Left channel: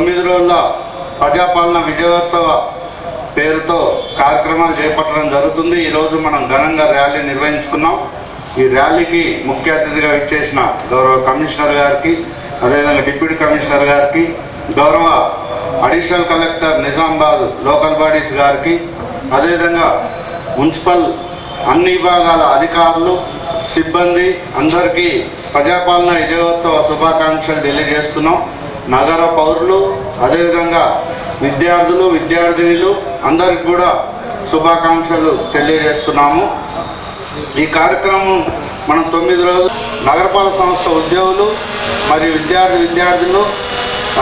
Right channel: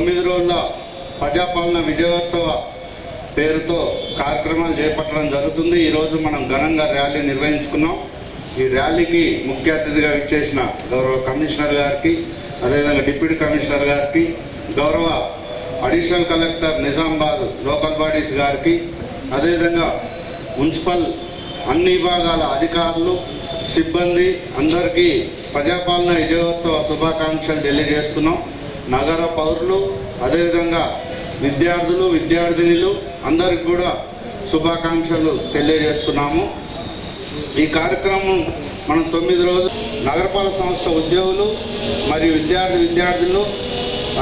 9 రోజుల ప్రజాపాలన విజయోత్సవ పేరుతో కార్యక్రమాలు చేపట్టడం జరుగుతుంది. ఈరోజు మనం ఘనంగా ర్యాలీ నిర్వహించుకున్నాం. ఈ ర్యాలీకి ముఖ్య అతిథిగా విచ్చేసిన గౌరవ కమిషనర్ గారికి, అదేవిధంగా డిప్యూటీ కమిషనర్ గారికి, గౌరవ additional collector Nizamabad local bodies గారికి, అదేవిధంగా మున్సిపల్ అన్ని విభాగాల అధికారులు, సిబ్బంది అందరికీ ప్రజాపాలన విజయోత్సవ శుభాకాంక్షలు తెలియజేస్తున్నాం. నగర పౌరులు, అదేవిధంగా విద్యార్థులు, విద్యార్థినులు అందరికి కూడా శుభాకాంక్షలు తెలియజేస్తున్నాము. ఈ కార్యక్రమం మనం 9 రోజులు నగరపాలక సంస్థ ఉద్యోగులు మరియు విద్యార్థులు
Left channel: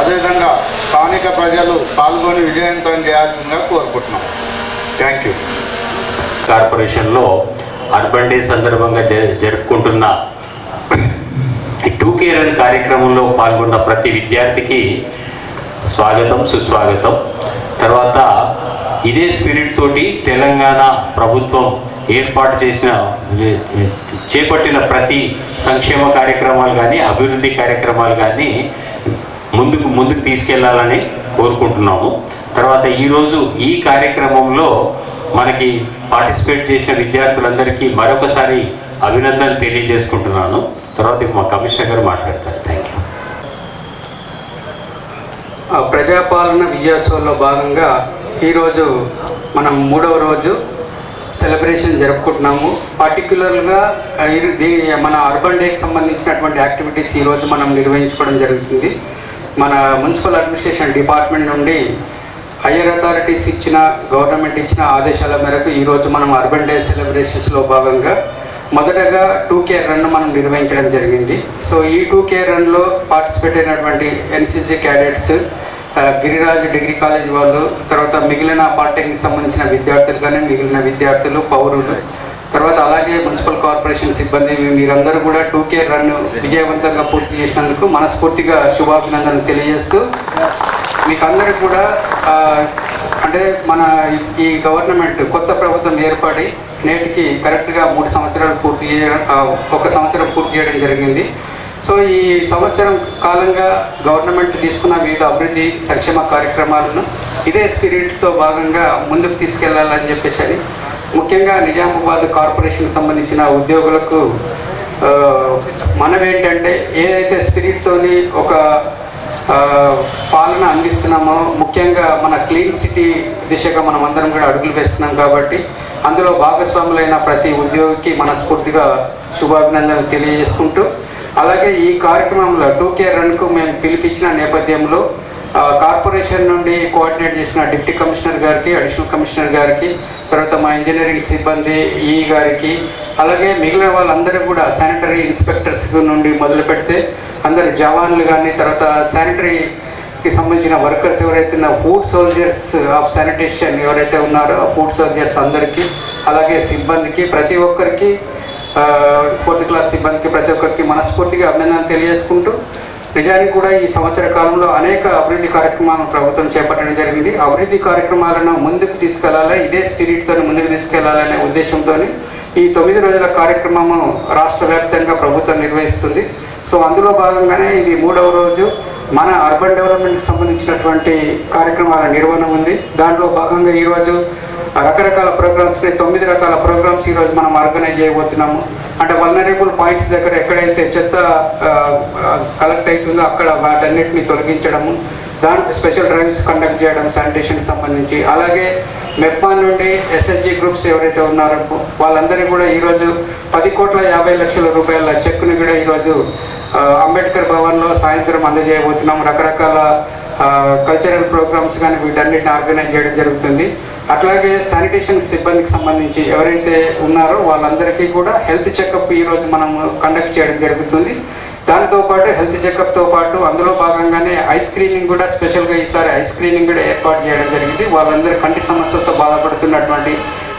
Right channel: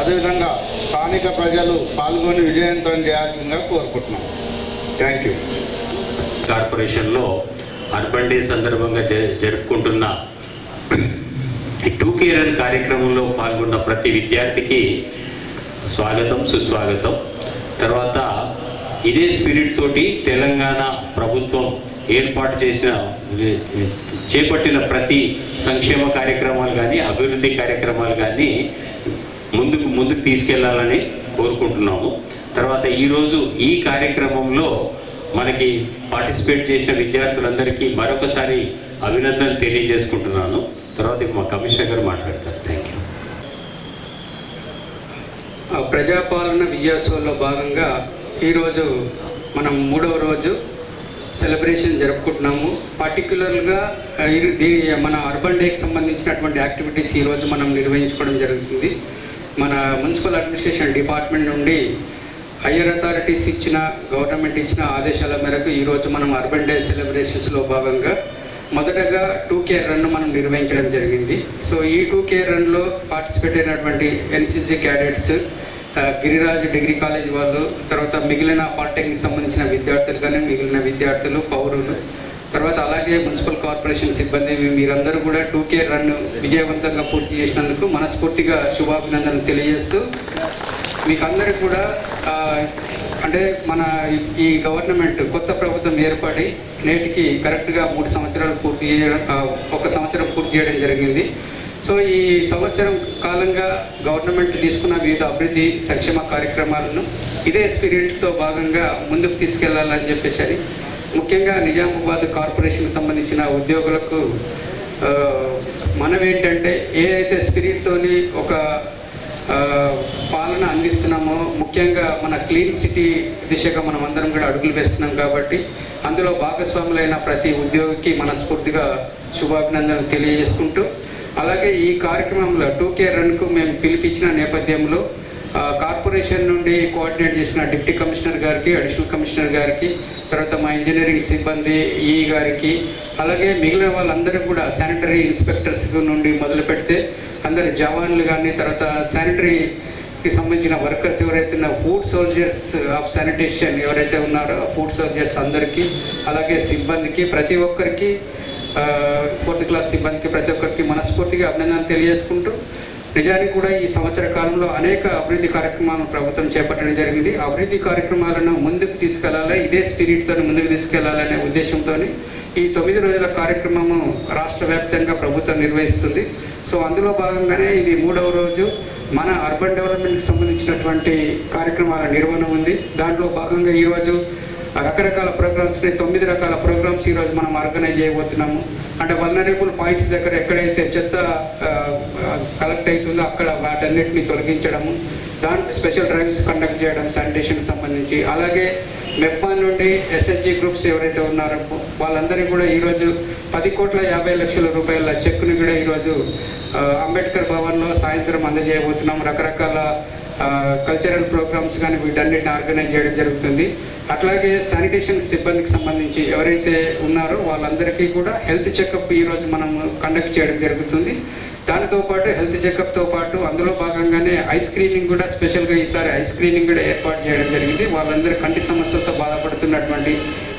అదేవిధంగా స్థానిక ప్రజలు పాల్గొని విజయవంతం చేయాల్సిందిగా కోరుకుంటున్నాం. Thank you. కార్పొరేషన్లో అర్బన్ డే సందర్భంగా జరుపుకుంటున్న 2K రన్ కార్యక్రమంలో పాల్గొన్న ప్రతి విద్యార్థికి స్వాగతం, సుస్వాగతం. తర్వాత ఇదే స్పిరిట్ తోటి తెలంగాణ ప్రభుత్వం ఏర్పాటు చేపట్టిన ప్రతి సంక్షేమ కార్యక్రమాలు కానీ అభివృద్ధి కార్యక్రమాలు కానీ ముందుకు తీసుకెళ్లాలని కోరుకుంటున్నాము. తర్వాత ఈరోజు ఈ కార్యక్రమంలో మనకి పార్టిసిపేట్ చేసిన విద్యార్థులందరికీ మరొకసారి అభినందనలు తెలియజేసుకుంటున్నాను. తర్వాత మా కమిషనర్ గారు మాట్లాడతారు. Thank you. ప్రజాపాలన విజయోత్సవంలో భాగంగా ఈరోజు మనం 3వ రోజు సెలబ్రేషన్ జరుపుకుంటున్నాము. పర్టిక్యులర్గా మన అర్బన్ డేకి సంబంధించినటువంటి యాక్టివిటీస్ ఈరోజు మనం నిర్వహించుకోవడం జరుగుతుంది. మన మున్సిపల్ అడ్మినిస్ట్రేషన్ డిపార్ట్మెంట్ నుండి హయ్యర్ అథారిటీస్ గవర్నమెంట్ ఇచ్చిన ఆదేశాల మేరకు ఈరోజు మనం అర్బన్ డే సెలబ్రేషన్స్లో భాగంగా మొదటగా 2K రన్ మనం నిర్వహించడం జరిగింది. సో ఈ 2K రన్లో పార్టిసిపేట్ అయినటువంటి NCC cadets, Giriraj degree college వాళ్ళు, తర్వాత మిగిలిన పాలిటెక్నిక్ సంబంధించిన విద్యార్థులు కానీ మిగిలిన విద్యార్థులు, పౌరులు, తర్వాత అలాగే మున్సిపల్ కార్పొరేషన్ సిబ్బంది, మీరందరూ కూడా 2K రన్ విజయవంతంగా పూర్తి చేసినందుకు మనస్ఫూర్తిగా శుభాభినందనలు తెలియజేస్తూ మీకు అందరికీ కూడా అంటే మన ఈ గవర్నమెంట్ కొత్త ప్రభుత్వం ఏర్పడి నేటికి కరెక్ట్గా 3 సంవత్సరాలు ఒక సంవత్సరం పూర్తి చేయడం జరిగింది. సో ఈ సంవత్సరం కాలంగా గవర్నమెంట్ తీసుకున్న వివిధ అభివృద్ధి సంక్షేమ కార్యక్రమాలను ఇదే స్పిరిట్తో భాగంగా ముందుకు తీసుకెళ్లాలని చెప్పేసి ముఖ్యంగా నిజామాబాద్ కార్పొరేషన్కి సంబంధించిన ఉద్యోగులకు మనమేంటంటే ఏదైతే స్పిరిట్తోని ఒక పాలన అందిస్తున్నామో, ముఖ్యంగా మన క్లీన్ సిటీ దిశగా మనం అందరం కూడా అడుగులు వేస్తున్నాం కాబట్టి అందులో భాగస్వాములైన ప్రతి ఉద్యోగికి మనస్ఫూర్తిగా శుభాభినందనలు తెలియజేసుకుంటూ, అలాగే ఈ కార్యక్రమంలో 2K రన్కు మేము పిలిపించిన నేపథ్యంలో కార్పొరేషన్ నుండి కోఆర్డినేట్ చేసిన డిప్యూటీ కమిషనర్ గారికి, అడిషనల్ కమిషనర్ గారికి, తర్వాత మా ఇంజనీరింగ్ సిబ్బంది ఈ గారికి, అలాగే మిగిలిన వాళ్ళందరూ కూడా శానిటరీ ఇన్స్పెక్టర్స్ నుండి మొదలు పెడితే అందరు జవాన్లు కానీ, తర్వాత శానిటరీకి సంబంధించిన వర్కర్స్ ఎవరైతే ఫుడ్ సోల్జర్స్ ఆఫ్ శానిటేషన్ ఎవరైతే ఉన్నారో ఆ ఫుడ్ సోల్జర్స్ అందరికీ, అలాగే సిబ్బందికి, ప్రతి ఒక్కరికి 4th క్లాస్ సిబ్బందికి ప్రతి ఒక్కరికి మనస్ఫూర్తిగా అభినందనలు తెలియజేసుకుంటూ, నిజానికి కూడా ఈ సంవత్సర కాలంలో అనేక అభివృద్ధి కార్యక్రమాలను ప్రభుత్వం చేపట్టడం జరిగింది. అభివృద్ధి కార్యక్రమాలను ముందుకు తీసుకెళ్లాలి, ఇదే స్పిరిట్తో ముందుకు తీసుకెళ్లాలనే ఉద్దేశంతో ఈ 9 రోజుల కార్యక్రమము రాష్ట్ర వ్యాప్తంగా ప్రభుత్వం నిర్వహిస్తుంది. సో అందులో భాగంగానే ఇది 3వ రోజు మన అర్బన్ డెవలప్మెంట్కి సంబంధించినటువంటి కార్యక్రమాల నిర్వహణ ఉంది. దాంట్లో భాగంగా ఈరోజు రకరకాల ప్రోగ్రామ్స్, 9 రకాల ప్రోగ్రామ్స్ ఈరోజు మనం ఆర్గనైజ్ చేయబోతున్నాము. అంటే వల్నరబుల్ పాయింట్స్ దగ్గర ఎక్కడైతే చెత్త కలెక్ట్ అవుతుందో అక్కడ వాటన్నిటిని తొలగించడము, దానికి స్పెషల్ డ్రైవ్స్ కండక్ట్ చేయడం శానిటేషన్కి సంబంధించి, అలాగే మెప్మా నుండి SHG గ్రూప్స్ ఎవరైతే ఉన్నారో వాళ్ళందరికీ కూడా ఈరోజు 10,50,00,000 రూపాయల చెక్కుని కూడా ఈరోజు అంబేద్కర్ భవన్లో సాయంత్రం అందజేయబోతున్నాం. రకరకాల కల్చరల్ ప్రోగ్రామ్స్ కానీ వీటన్నిటిని ఆర్గనైజ్ చేయడం జరుగుతుంది. అట్లాగే శానిటేషన్ సిబ్బందికి సంబంధించి ఎవరైతే ఉన్నారో వాళ్ళందరికీ కూడా హెల్త్ చెకప్ ఈరోజు మనం కండక్ట్ చేయడం జరుగుతుంది. దాంతోపాటు హెల్త్ చెకప్తో పాటు అందులో భాగంగానే ఐ స్క్రీనింగ్ కూడా స్పెషల్గా ఈసారి ఐ స్క్రీనింగ్ కూడా ఏర్పాటు చేయడం జరిగింది. వాళ్ళందరూ కంటి సమస్యలతో బాధపడుతున్నటువంటి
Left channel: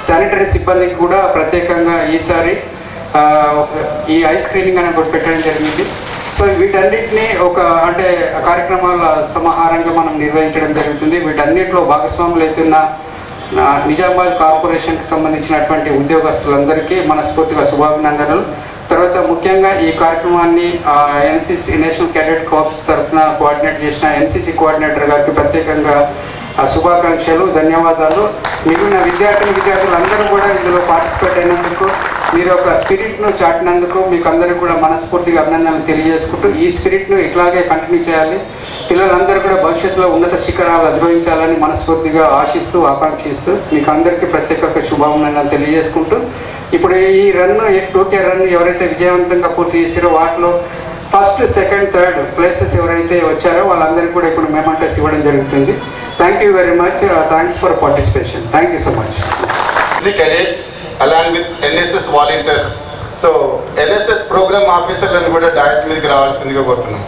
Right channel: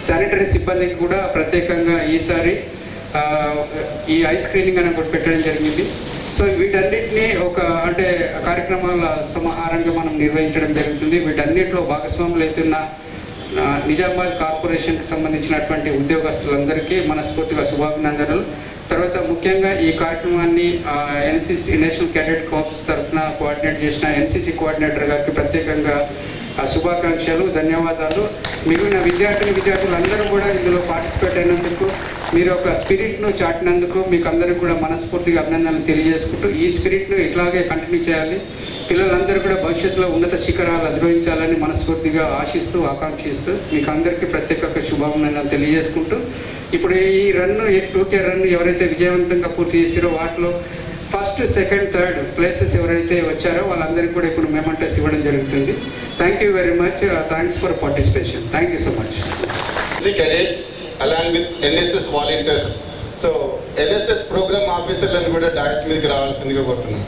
శానిటరీ సిబ్బందికి కూడా ప్రత్యేకంగా ఈసారి ఈ ఐ స్క్రీనింగ్ అనేది కూడా పెట్టడం జరిగింది. సో వీటన్నిటిని ఒక అంటే కార్యక్రమాల సమాహారంగా మనం నిర్వహించడం జరుగుతుంది. వీటన్నిటిలో భాగస్వాములు అవుతున్న నిజామాబాద్ కార్పొరేషన్కి సంబంధించినటువంటి ఉద్యోగస్తులందరికీ మనస్ఫూర్తిగా శుభాభినందనలు. తర్వాత ముఖ్యంగా ఈ కార్యక్రమాన్ని ఎన్సిసి నేషనల్ క్యాడెట్ కార్ప్స్ తరఫున కోఆర్డినేట్ చేసిన ఎన్సిసి కోఆర్డినేటర్ గారికి ప్రత్యేకంగా శుభాకాంక్షలు, ధన్యవాదాలు. మిగిలిన విద్యార్థులు అందరూ కూడా ఇందులో పార్టిసిపేట్ అయినందుకు, మీరు ఒక స్పిరిట్ను చాటినందుకు మీకు అందరికీ కూడా మనస్ఫూర్తిగా అభినందనలు తెలియజేసుకుంటూ, ఈ స్పిరిట్ను ఇట్లాగే కంటిన్యూ చేయాలి, పిల్లలందరూ కూడా భవిష్యత్తులో ఉన్నత శిఖరాలు అధిరోహించాలని మనస్ఫూర్తిగా ఆశిస్తూ ఆకాంక్షిస్తూ మీకు అందరికీ ప్రత్యేక శుభాభినందనలు తెలియజేసుకుంటూ, ఇప్పుడు ఈ రన్ 2K రన్ ఎవరైతే విజయవంతంగా పూర్తి చేసారో వాటిలో ఫస్ట్, సెకండ్, థర్డ్ ప్లేసెస్ ఎవరైతే వచ్చారో వాళ్ళందరికీ కూడా ఇప్పుడు మెమెంటోస్ ఇవ్వడం జరుగుతుంది. Thank you very much. Thanks for participation. Thank you so much. cadets along with NSS volunteers. So NSS programme ఆఫీసర్లను కూడా డాయస్ మీదకి రావాల్సిందిగా కోరుతున్నాం.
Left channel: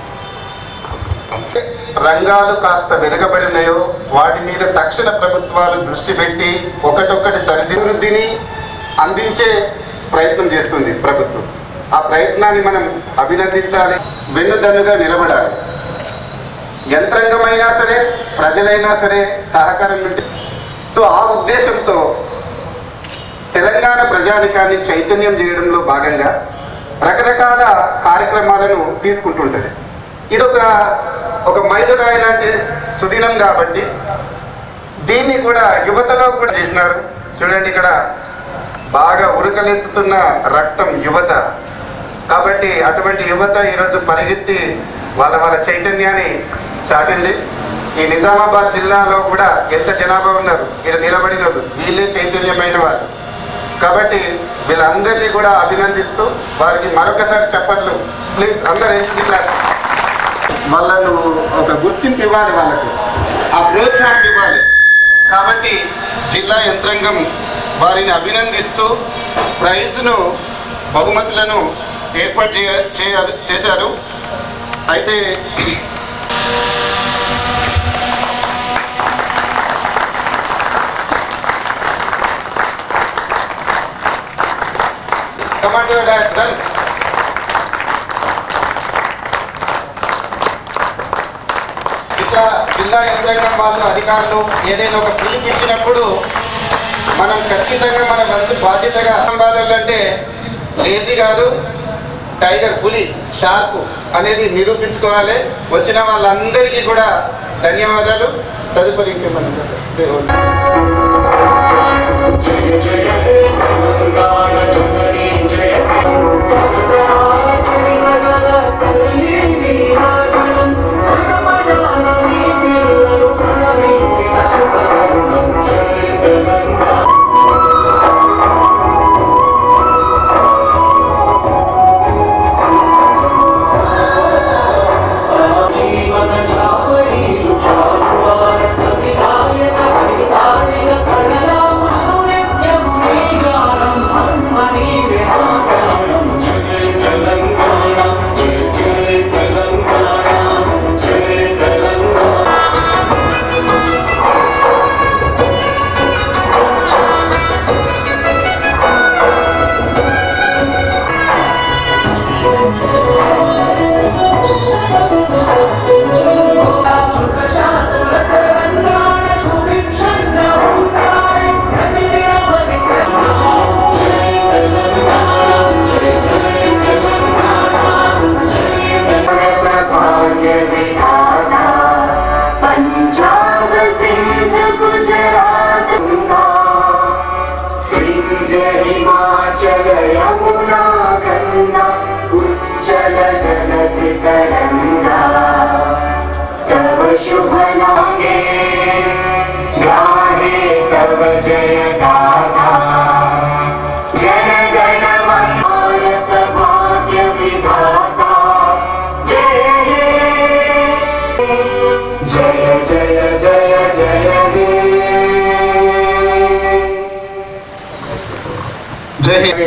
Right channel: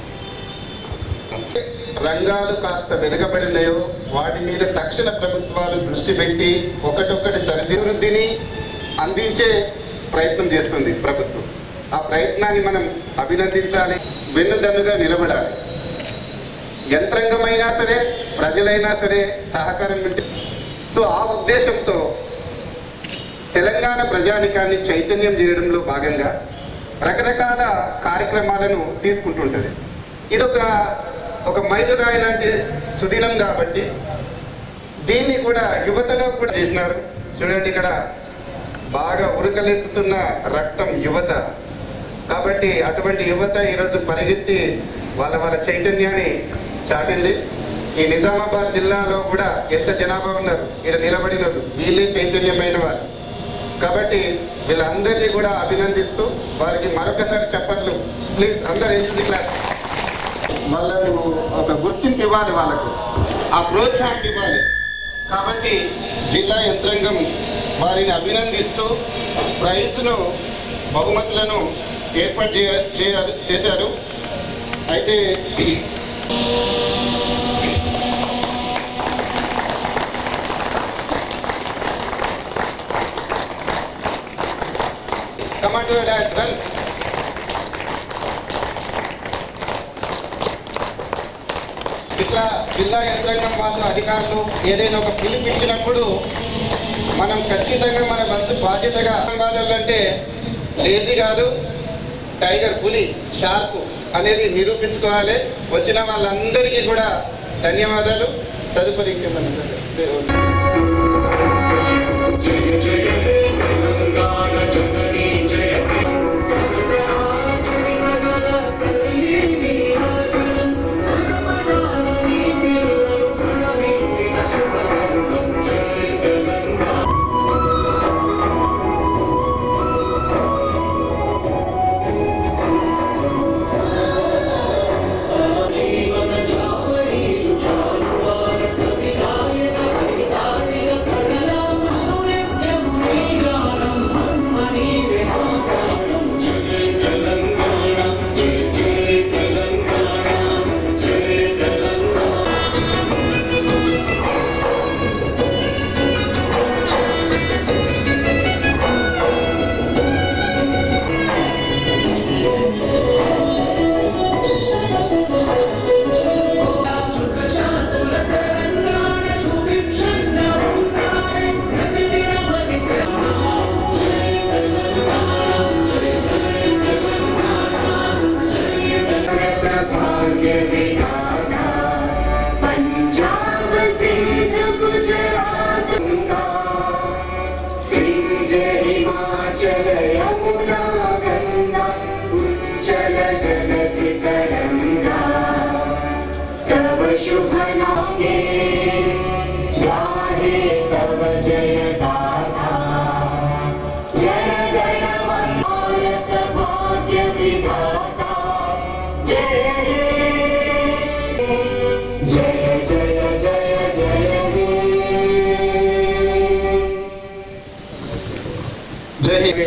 రంగాలు కాస్త వెనుకబడినాయో వాటి మీద తక్షణ ప్రభుత్వాలు దృష్టి పెట్టి ఒకటొక్కటి సరిదిద్దుని అందించే ప్రయత్నం చేస్తుంది ప్రభుత్వం. ఆ ప్రయత్నాన్ని మనం అభినందించాలి, వెన్నుదన్నుగా నిలబడాలి. యంత్రాంగమైనా సరే, ప్రజలైనా సరే సహకారం నుండి. సో ఆ ఉద్దేశంతో తెలంగాణ ప్రజానికాన్ని చైతన్యం చేయడంలో భాగంగా రకరకాల కార్యక్రమాలను తీసుకుంటుంటుంది. ఇదొక మైలురాయి లాంటి సుదినం కాబట్టి దీన్ని కూడా యువతలో కూడా చేసినారు. చూడండి, ఇక్కడ బాగా ఉరకలెత్తుతున్న రక్తం యువత కాబట్టి అటువంటి యువత ఈరోజు పరిగెత్తి వాళ్ళ చైతన్యాన్ని చాటింది. ఈ నిజామాబాద్ జిల్లాలో కూడా ఎంత జనాభా ఉన్నారు, ఇక్కడ నిలబడినారు, వీళ్ళే చైతన్యమైన వాళ్ళు కాబట్టి వీళ్ళందరినీ కూడా అభినందిస్తూ వారికి మరొకసారి చెప్పట్లు ప్లీజ్ అందరూ ఏంటి క్లాస్. వాళ్ళను ఒక గుర్తింపు ఇవ్వాలి, వాళ్ళకు ఆ ప్రోత్సాహం ఇవ్వాలి. కాబట్టి జిల్లా యంత్రాంగం వారిని అభినందిస్తూ ప్రైజ్ను, బహుమతులను ఏర్పాటు చేశారు. అయితే కమాండర్ డాష్ రన్. ఇట్లా జిల్లా యంత్రాంగం వాళ్ళు అధికారులు ఏదైనా ఒక పిలుపు ఇచ్చినప్పుడు మనం ఖచ్చితంగా మన వంతు బాధ్యతగా అంటే లేజీ కాదు, టైగర్, పులి, షార్ప్ అనేది నిరూపించుకోవాలి. వచ్చిన వాళ్ళందరికీ కూడా ధన్యవాదాలు. తదుపరి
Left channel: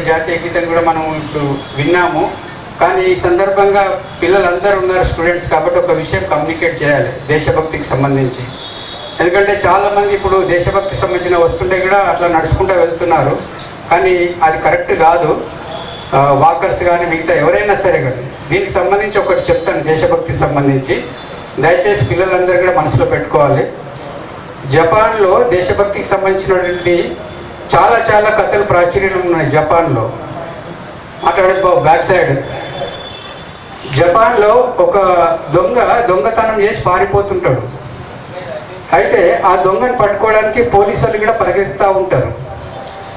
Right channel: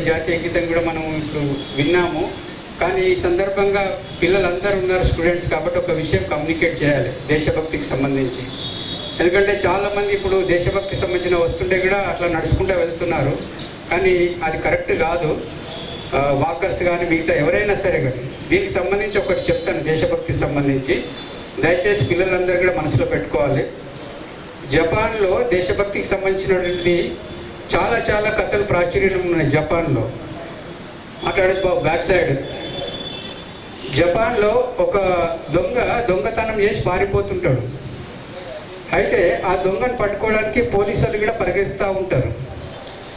జాతీయ గీతం కూడా మనం ఇప్పుడు విన్నాము. కానీ ఈ సందర్భంగా పిల్లలందరూ ఉన్నారు స్టూడెంట్స్ కాబట్టి ఒక విషయం కమ్యూనికేట్ చేయాలి దేశభక్తికి సంబంధించి. ఎందుకంటే చాలామంది ఇప్పుడు దేశభక్తికి సంబంధించిన వస్తుంటే కూడా అట్లా నడుచుకుంటూ వెళ్తున్నారు, కానీ అది కరెక్ట్ కాదు. వాకర్స్ కానీ మిగతా ఎవరైనా సరే కానీ దీనికి సంబంధించి ఒకటి చెప్తాను. దేశభక్తికి సంబంధించి దయచేసి పిల్లలందరూ కూడా మనసులో పెట్టుకోవాలి. జపాన్లో దేశభక్తికి సంబంధించినటువంటి చాలా కథలు ప్రాచుర్యం ఉన్నాయి. జపాన్లో మాట్లాడేది బాబు బ్యాక్ సైడ్. జపాన్లో ఒక దొంగతనం చేసి పారిపోతుంటాడు. అయితే ఆ దొంగను పట్టుకోవడానికి పోలీసులు కూడా పరిగెత్తుతూ ఉంటారు.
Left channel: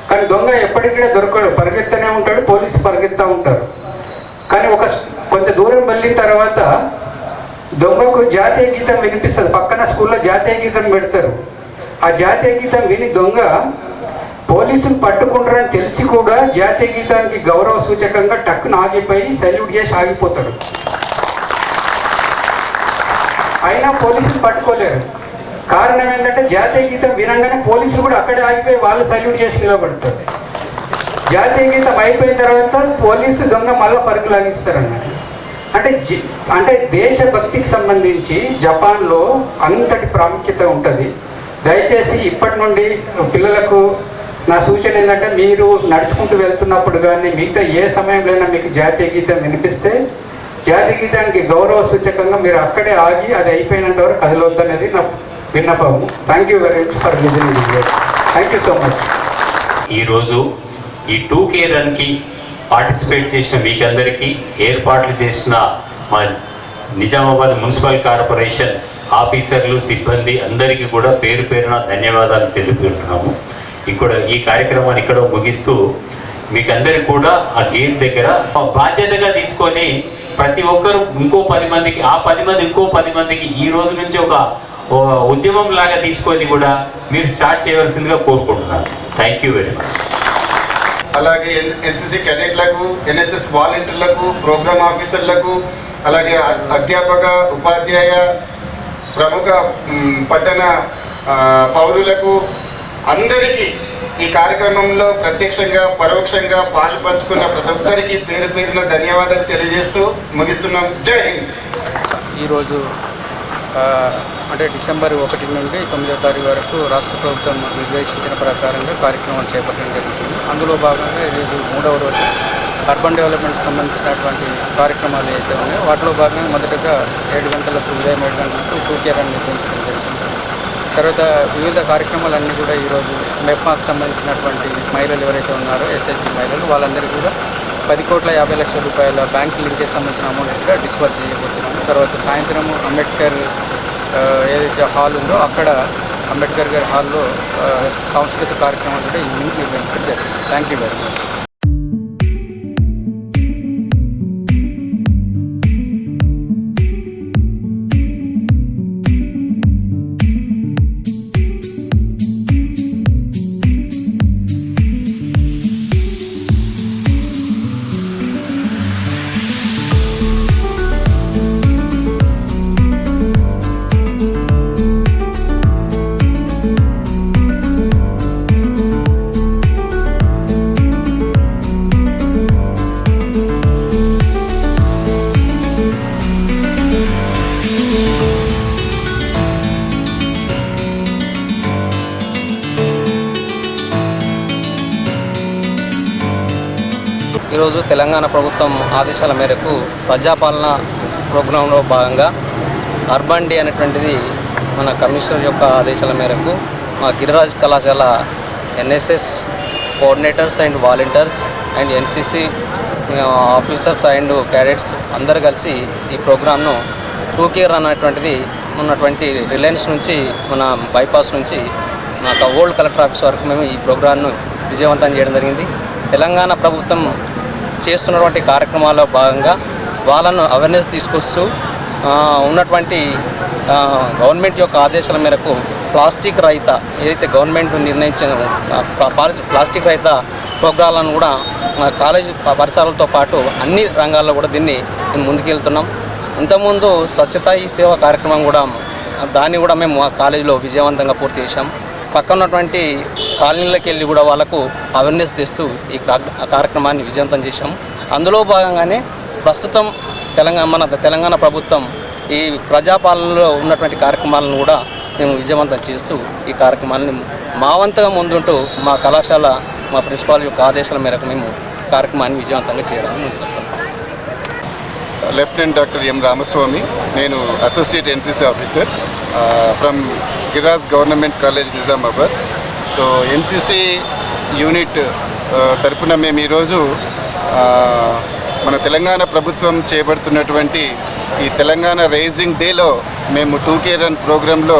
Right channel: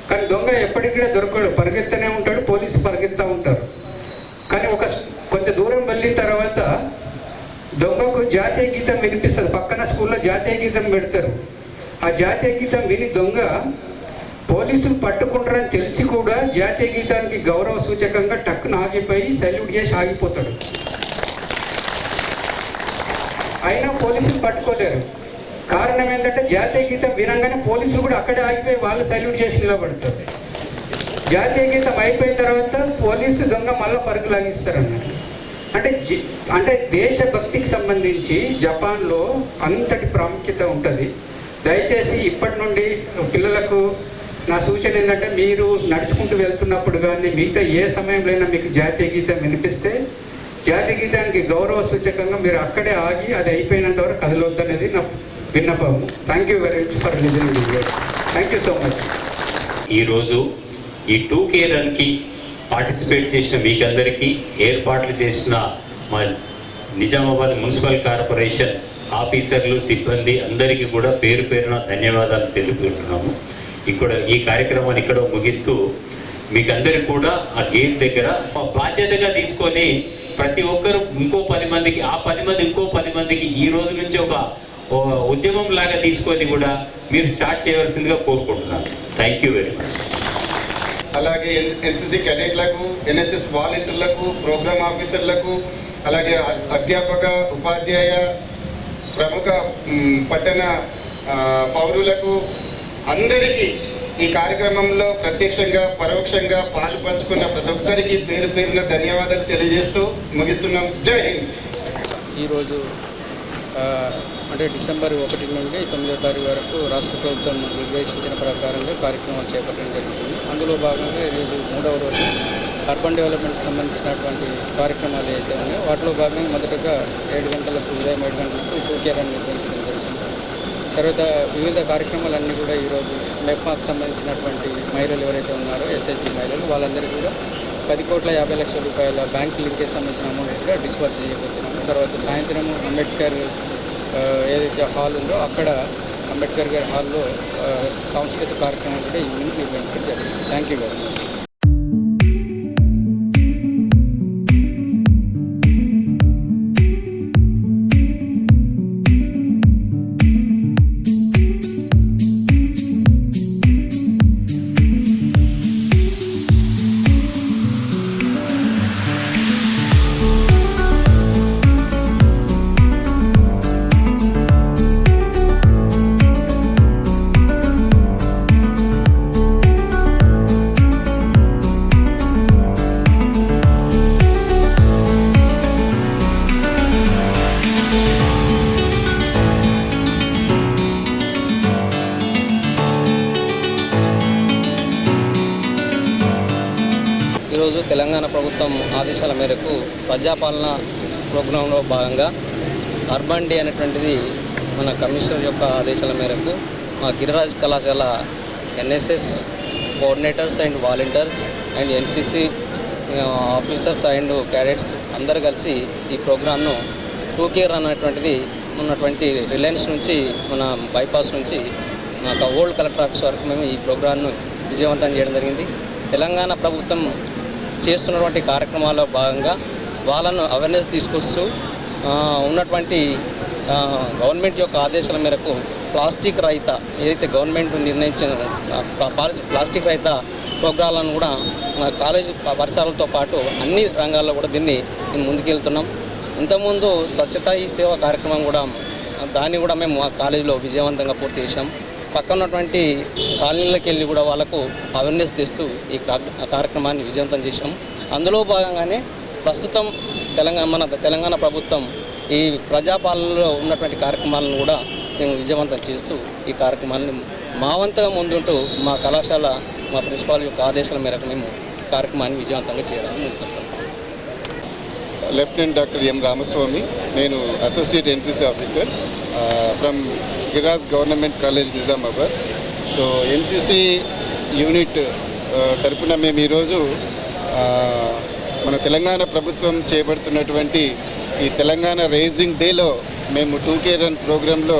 కానీ దొంగ ఎప్పటికి కూడా దొరకడు, పరిగెత్తనే ఉంటాడు, పోలీసు పరిగెత్తుతూ ఉంటారు. కానీ కొంత దూరం వెళ్ళిన తర్వాత దొంగకు జాతీయ గీతం వినిపిస్తుంది. పక్కన స్కూల్లో జాతీయ గీతం పెడతారు. ఆ జాతీయ గీతం విని దొంగ పోలీసులు పట్టుకుంటారని తెలిసి కూడా జాతీయ గీతానికి గౌరవ సూచకంగా టక్కున ఆగిపోయి సెల్యూట్ చేసి ఆగిపోతాడు. అయినా పోలీసులు పట్టుకోలేరు. కారణం ఏంటంటే జాతీయ గీతం వినంగానే పోలీసులు కూడా అక్కడే ఆగిపోయి వాళ్ళు సెల్యూట్ చేసి నిలబడతారు. జాతీయ గీతం అయిపోయిన తర్వాత పోలీసు దొంగ మళ్ళీ పరుగు లాగిస్తారన్నమాట. అంటే దేశభక్తికి సంబంధించి జపాన్లో అంతటి ప్రాముఖ్యత ఉంటుంది. దయచేసి ఇప్పటి నుండి పిల్లలకు నా సూచన ఏంటంటే, మీరు నడుచుకుంటూ వెళ్తున్నప్పుడు కానీ మిగతా ఏ సమయంలో మీకు జాతీయ గీతం వినిపిస్తే జాతీయ గీతానికి గౌరవ సూచకంగా మీరు అక్కడే ఆగి అది అయిపోయినంత వరకు కదలొద్దనేది నా విన్నపము. Thank you very much for listening. Thank you so much. ఈరోజు ఈ 2K రన్కి పార్టిసిపేట్ చేసిన మీకందరికీ, ఏర్పాట్లు చేసిన మా నిజామాబాద్ మున్సిపల్ కార్పొరేషన్ ఆఫీసర్లు, సిబ్బంది అందరికీ కూడా పేరు పేరున ధన్యవాదాలు తెలుపుకుంటున్నాము. ఈ కార్యక్రమాన్ని ఇక్కడ ముగిస్తూ మీకందరికీ కూడా ఆ గేట్ దగ్గర బాధ్యతగా తీసుకొని ప్రతి ఒక్కరు ఇంకో 10 మందికి, ఆ 10 మంది ఇంకో 10 మందికి ఈ రోజు నుంచి ఒక ఉద్యమం లాగా తీసుకొని కూడా మీరు స్టార్ట్ చేయవలసిందిగా కోరుకుంటున్నాను. Thank you very much. అలాగే ఎన్సిసి క్యాడెట్లకు, ఎన్ఎస్ఎస్ వాలంటీర్లకు, ప్రోగ్రామ్ ఆఫీసర్లకు, అలాగే అధ్యాపక, ఉపాధ్యాయ, ప్రముఖ పట్టణ పౌరులకు అందరికీ ఈ కార్యక్రమంలో ప్రత్యక్షంగా పరోక్షంగా పాలు పంచుకున్న ప్రతి ఒక్కరికి పేరు పేరున ధన్యవాదాలు తెలియజేస్తూ ముగిస్తున్నాం. జై హింద్. ఈరోజు అంటే డిసెంబర్ 1 నుండి 9వ తారీఖు వరకు రాష్ట్ర ప్రభుత్వం నిర్దేశించిన ప్రకారంగా కార్యక్రమాలు చేపట్టడం జరుగుతుంది. అందులో భాగంగా ఈరోజు 3వ రోజు అర్బన్ డెవలప్మెంట్కి సంబంధించినటువంటి కార్యక్రమాలు ఏవైతే ఉన్నాయో వాటిలో భాగంగా మొదటగా 7 గంటలకు, ఉదయం 7 గంటలకు 2K రన్ నిర్వహించడం జరిగింది. తర్వాత వివిధ కార్యక్రమాలన్నీ కూడా ఈరోజు మెప్మాకు సంబంధించినటువంటి మహిళలు ఎవరైతే ఉన్నారో ఎస్హెచ్జి మహిళలు వాళ్ళందరికీ కూడా 10,50,00,000 రూపాయల బ్యాంక్ లింకేజ్ సంబంధించిన అమౌంట్ కూడా డిస్బర్స్ చేయబోతున్నాము. తర్వాత సాయంత్రం అంబేద్కర్ ఏదైతే హాల్ ఉందో అక్కడ అంబేద్కర్ గారి హాల్లో సాంస్కృతిక కార్యక్రమాలు కూడా ఈవినింగ్ నిర్వహించడం జరిగింది. Thank you very much. ఈరోజు తెలంగాణ ప్రభుత్వం ఆదేశాల మేరకు ప్రజాపాలన ప్రోగ్రాంలో భాగంగా అర్బన్ డే అనేటువంటిది మన కమిషనర్ యొక్క ఆదేశాల మేరకు మా గిరిరాజ్ కళాశాల NSS coordinators and volunteers and NCC officers and cadets అందరూ కలిసి ఈ ప్రోగ్రాంను 2K రన్ అనేటువంటిది ఉన్నటువంటి రిలయన్స్ నుంచి మన బైపాస్ నుంచి మన ఓల్డ్ కలెక్టర్ ఆఫీస్ వరకు మేము ఈ ప్రోగ్రాంను విజయవంతం చేయడం జరిగింది. తెలంగాణ ప్రభుత్వం చేస్తున్నటువంటి కార్యక్రమాల్లో భాగంగా వాళ్ళను అవేర్నెస్ తీసుకొస్తూ ఉన్నటువంటి గవర్నమెంట్ యొక్క ఆదేశాల మేరకు ప్లాస్టిక్ రహిత ఏదైతే గవర్నమెంట్ నిర్ణయించిన ప్లాస్టిక్ రహిత ప్రోగ్రాలను కూడా కాలేజీ పరిసరాలతో పాటు అన్ని రంగాల్లో కూడా దీన్ని ముందుకెళ్తున్నాం. ఇంతకుముందు స్వచ్ఛతా ఈ సేవ కార్యక్రమం కూడా దాన్ని కూడా మేము కాలేజీలో విజయవంతంగా పూర్తి చేశాం. పక్కన ఉన్నటువంటి కాలనీలకు వెళ్ళి కూడా వాళ్ళకు అవేర్నెస్ తెస్తూ ఈ కార్యక్రమాన్ని విజయవంతం చేశాం. అందులో భాగంగానే ప్రస్తుతం మన తెలంగాణ ప్రభుత్వం ఈ ప్రజాపాలనలో ఉన్నటువంటి కార్యక్రమాలను కూడా మేము విజయవంతం చేస్తూ ఈ కార్యక్రమాన్ని మా వంతుగా ముందుంటూ మా కళాశాల మా ప్రిన్సిపాల్ యొక్క ఆదేశాల మేరకు మేము కార్యక్రమాన్ని విజయవంతంగా చేయడానికి ముందుకెళ్తాం. లెఫ్టినెంట్ డాక్టర్ ఎం రామస్వామి, నేను associate NCC officer from Giriraj government college Nizamabad. So NCC unit తరపున మేము ఈరోజు మన తెలంగాణ ప్రభుత్వం చేపడుతున్నటువంటి ఈ తెలంగాణ రైజింగ్ డేలో మేము 2K రన్ ప్రోగ్రాంలో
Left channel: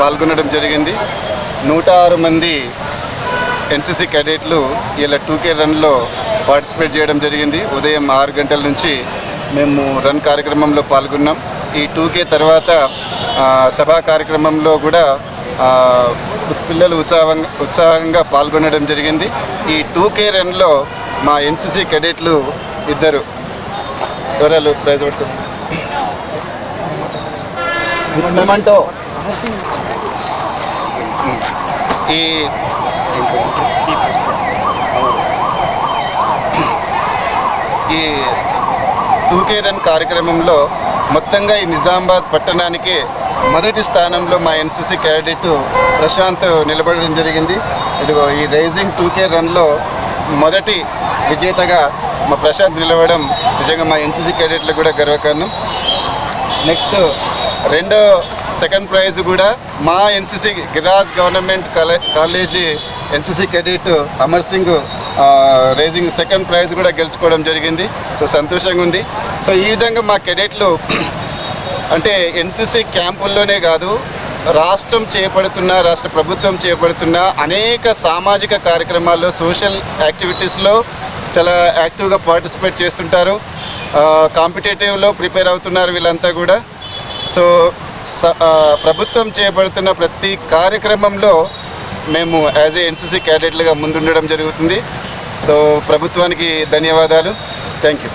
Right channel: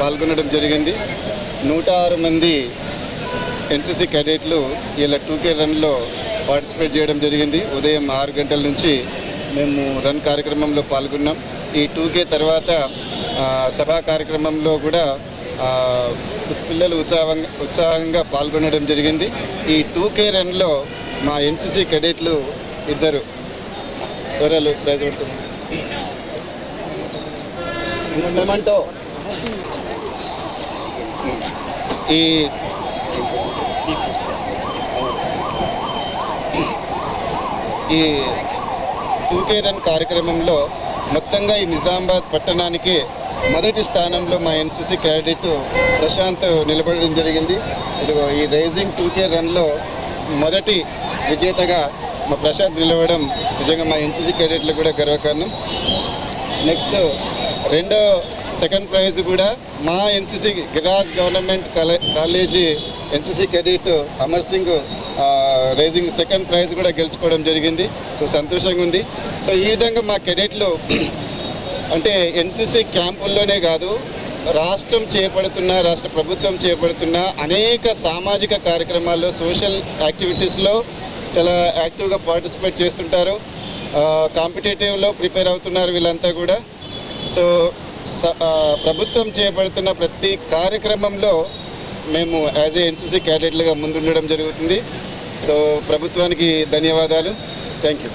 పాల్గొనడం జరిగింది. 106 మంది ఎన్సిసి క్యాడెట్లు ఇలా 2K రన్లో పార్టిసిపేట్ చేయడం జరిగింది. ఉదయం 6 గంటల నుంచి మేము రన్ కార్యక్రమంలో పాల్గొన్నాం. ఈ 2K తర్వాత సభా కార్యక్రమంలో కూడా పిల్లలు ఉత్సాహంగా పాల్గొనడం జరిగింది. ఈ 2K రన్లో మా ఎన్సిసి క్యాడెట్లు ఇద్దరు ఎవరాలు ప్రైజ్ పడుతుంది మొమెంటో ఈ 2K రన్ కార్యక్రమంలో మొత్తంగా ఈ నిజామాబాద్ పట్టణానికి మొదటి స్థానంలో మా ఎన్సిసి క్యాడెట్ ప్రశాంత్ నిలబడడం జరిగింది. ఇదిగో ఈ రైజింగ్ 2K రన్లో మొదటి విజేతగా మా ప్రశాంత్ నిలవడం నిజంగా మా ఎన్సిసి క్యాడెట్లు కూడా గర్వకారణం. నెక్స్ట్ సెకండ్ ప్రైజ్ కూడా మా NCC Giraj government college NCC cadet Amar Singh rising second prize కూడా గెలుచుకోవడం జరిగింది. సో సంతోషంగా ఉంది. సో ఈ విధంగా మా క్యాడెట్లు అంటే ఎన్సిసి క్యాంపుల్లోనే కాదు, రాష్ట్ర ప్రభుత్వం చేపడుతున్న అనేక సామాజిక కార్యక్రమాల్లో, సోషల్ యాక్టివిటీస్లో చాలా యాక్టివ్గా పార్టిసిపేట్ చేస్తుంటారు. కాంపిటేటివ్లో ప్రిపేర్ అవుతున్నారు వీళ్ళంతా కూడా. సో ప్రభుత్వం చేపడుతున్న ప్రతి కార్యక్రమంలో మేము యాజ్ ఏ ఎన్సిసి క్యాడెట్లుగా ముందుండడం జరుగుతుంది. సో ప్రభుత్వానికి ధన్యవాదాలు. Thank you.